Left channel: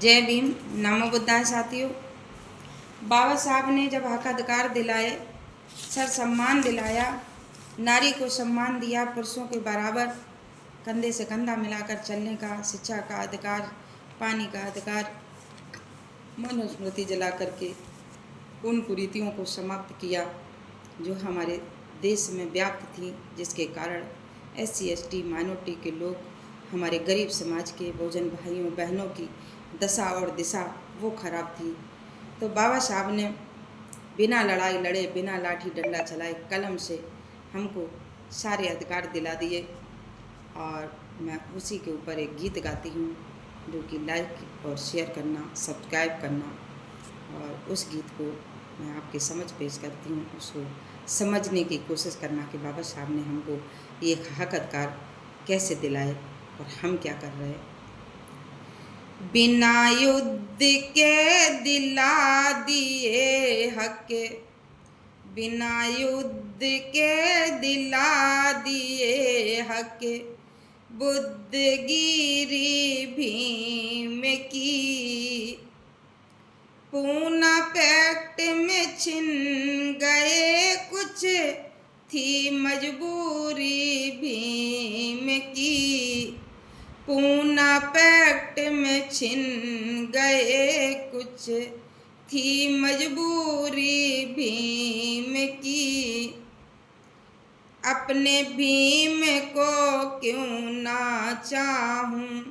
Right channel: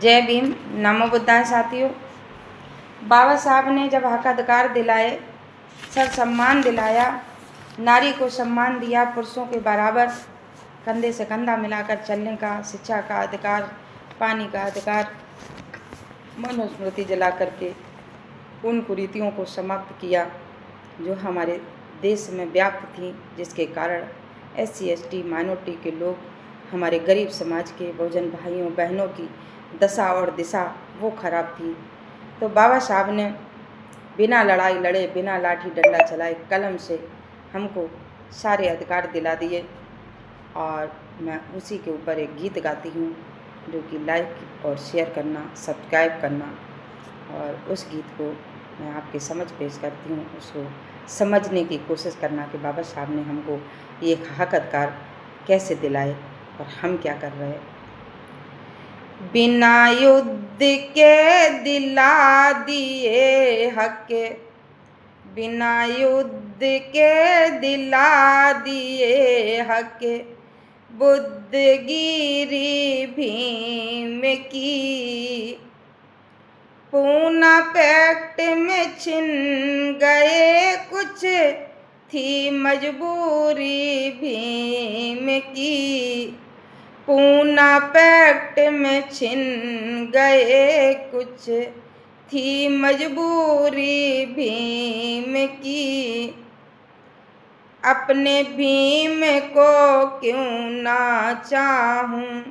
जय भीम। नमो बुद्धाय साथियों। बाबा साहब ने जब हक अधिकार दिलाए, सर सम्मान दिलाया, नारी को सम्मान दिया, पुरुषों के बराबर कंधे से कंधा मिलाकर चलने का, शिक्षा का अधिकार, पानी का अधिकार, मनुस्मृति जला करके उन कुरीतियों को समाप्त किया जो हमारे देश में व्याप्त थी, जिसके कारण SC ST माइनॉरिटी के लोग, हमारे गरीब समाज के बहुजन भाइयों बहनों की दशा और दिशा वो खराब थी। तो बाबा साहब ने बिना लड़ाई लड़े, बिना लाठी डंडा चलाए, कलम से हमको सारे अधिकार दिला दिए। और मैं उसी के ऊपर एक गीत गाती हूँ, जो कि लाइक और शेयर करना, सब्सक्राइब करना, और उस गीत को मैं आपके समझ पेश करती हूँ। उसको समझने की कोशिश करना कि बाबा साहब ने हमको ये हक अधिकार कैसे दिलाए और हम क्या कर रहे हैं। बिना युद्ध के दिला दिए हक, बिना युद्ध के दिला दिए हक, बुद्धगिरी भीम की। पूना पैक्ट में छिन गए कुछ, थी मजबूरी भीम की। पूना पैक्ट में छिन गए कुछ, थी मजबूरी भीम की। अपने भीम को क्यों ना चाहूं,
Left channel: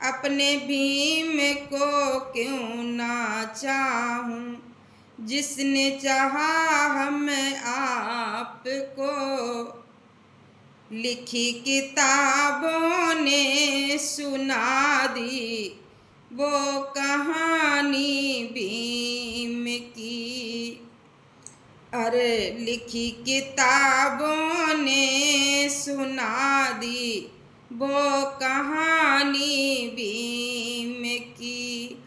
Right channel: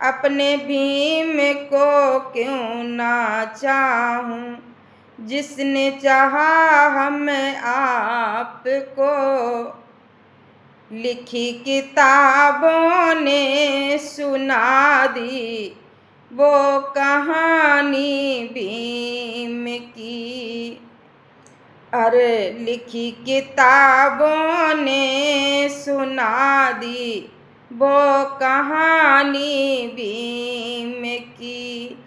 अपने भीम को क्यों ना चाहूं, जिसने चाहा हम आपको। लिखी किताबों ने सुना दी वो कहानी भीम की। अरे लिखी किताबों ने सुना दी वो कहानी भीम की।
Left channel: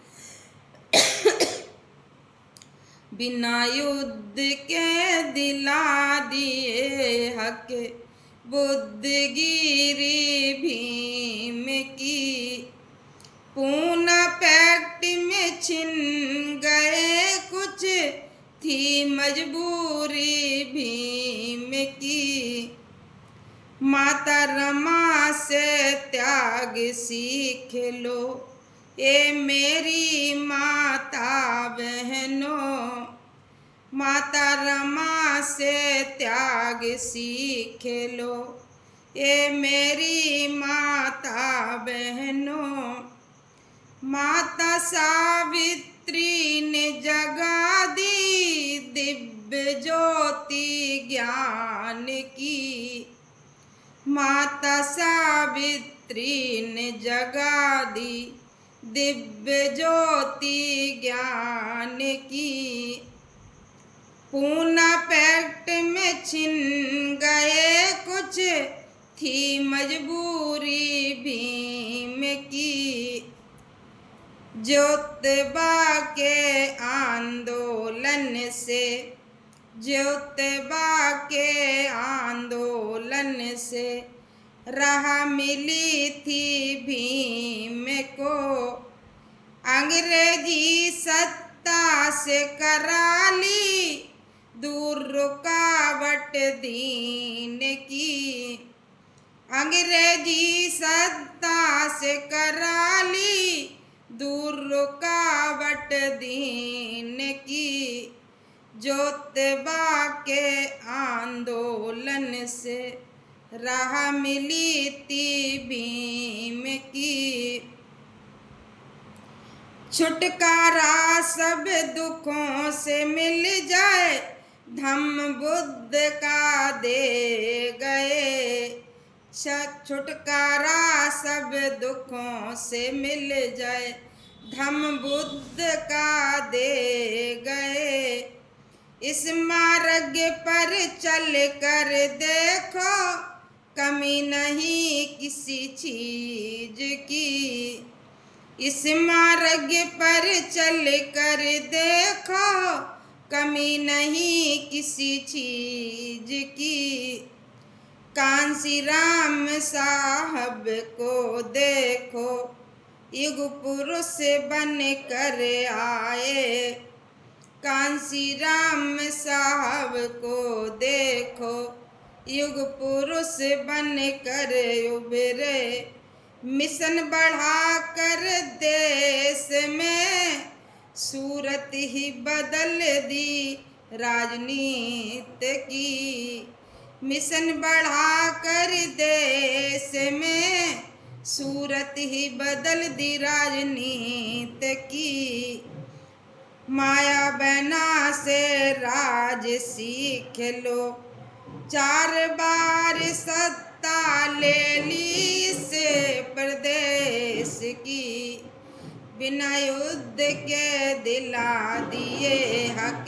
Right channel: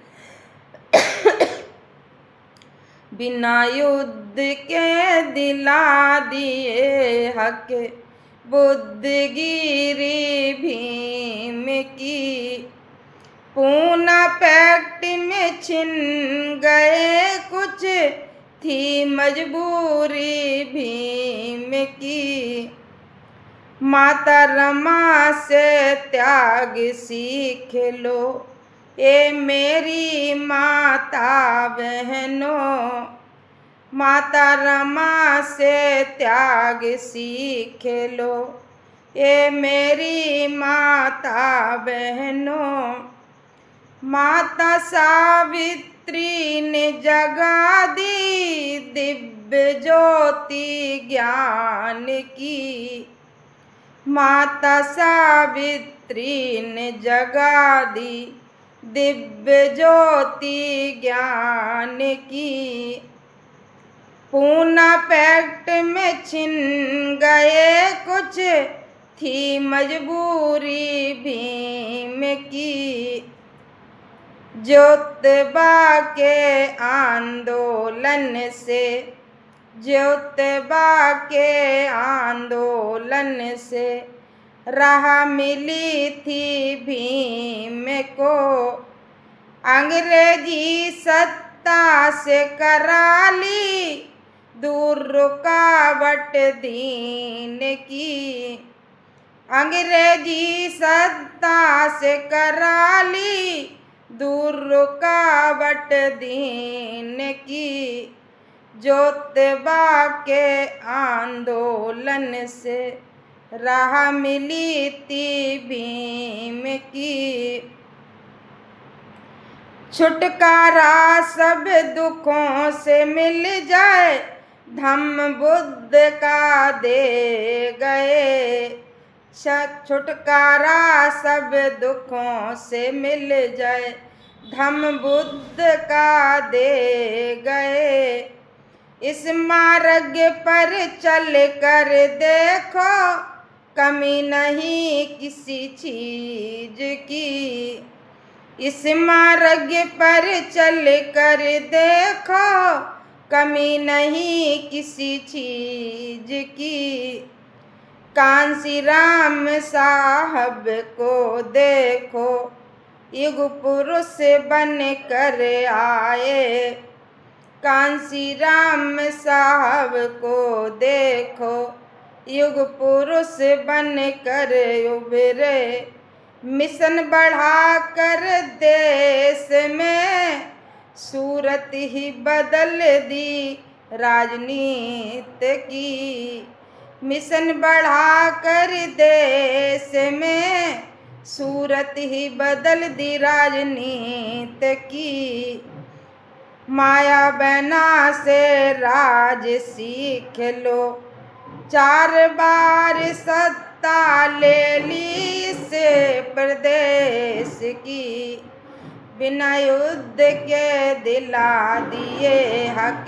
बिना युद्ध के दिला दिए हक, बुद्धगिरी भीम की। पूना पैक्ट में छिन गए कुछ, थी मजबूरी भीम की। माता रमा से त्याग सीख लो, ये मेरी माता बहनों। माता रमा से त्याग सीख लो, ये मेरी माता बहनों। माता सावित्री ने जगा दी दिव्य ज्योति ज्ञान की। माता सावित्री ने जगा दी दिव्य ज्योति ज्ञान की। पूना पैक्ट में छिन गए कुछ, थी मजबूरी भीम की। ज्योतिबा के आंदोलन से, ज्योतिबा के आंदोलन से राह मिली थी भीम को। अंग्रेजी सत्ता से करा ली दूर रुकावट दीन की। अंग्रेजी सत्ता से करा ली दूर रुकावट दीन की। ज्योतिबा के आंदोलन से राह मिली थी भीम की। छुटकारा सब दुखों से मिल जाए, धम्म बुद्ध का दे गए। छुटकारा सब दुखों से मिल जाए, धम्म बुद्ध का दे गए। इस मार्ग पर चल कर देखो, कमी नहीं किसी चीज की। इस मार्ग पर चल कर देखो, कमी नहीं किसी चीज की। कांसी राम साहब को देखो, युग पुरुष बन कर आए, कांसी राम साहब को देखो, युग पुरुष बन कर उभरे, मिशन बढ़ा कर देश में सूरत ही बदल दी राजनीति की, मिशन बढ़ा कर देश में सूरत ही बदल दी राजनीति की, माया बना से राज सीख लो, 4 बार सत्ता ले ली से प्रदेश की, बिना युद्ध के दिला दिए हक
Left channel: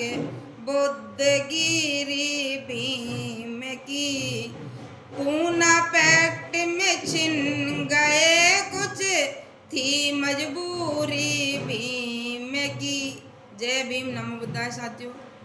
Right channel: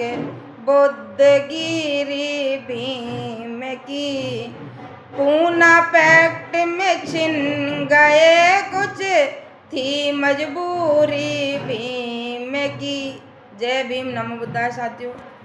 बुद्धगिरी भीम की, पूना पैक्ट में छिन गए कुछ थी मजबूरी भीम की। जय भीम, नमो बुद्धाय साथियों।